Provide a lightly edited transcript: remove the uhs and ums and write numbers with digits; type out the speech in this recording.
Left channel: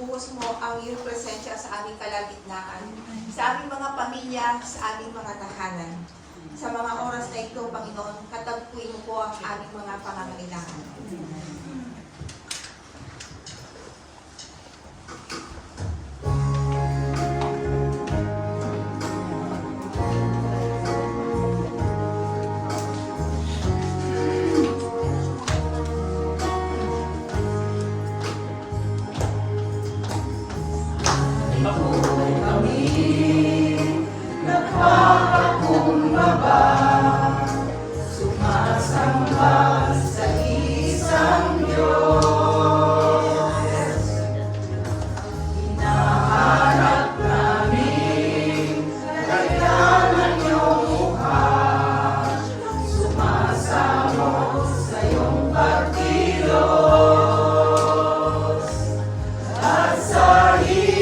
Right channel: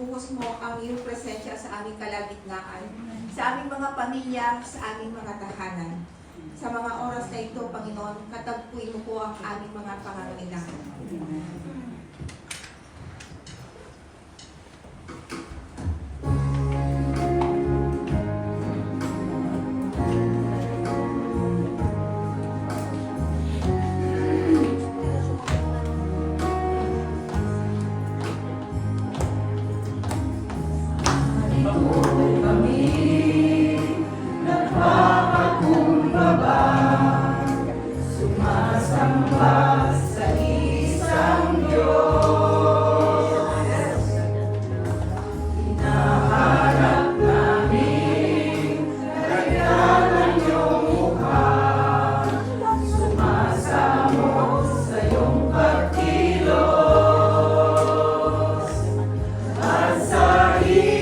ibuhos mo ang iyong presensya sa aming kalagitnaan, sa aming mga pamilya, sa aming mga tahanan. Sa mga oras na ito, Panginoon, katagpuin mo po ang aming mga pangangailangan. Sa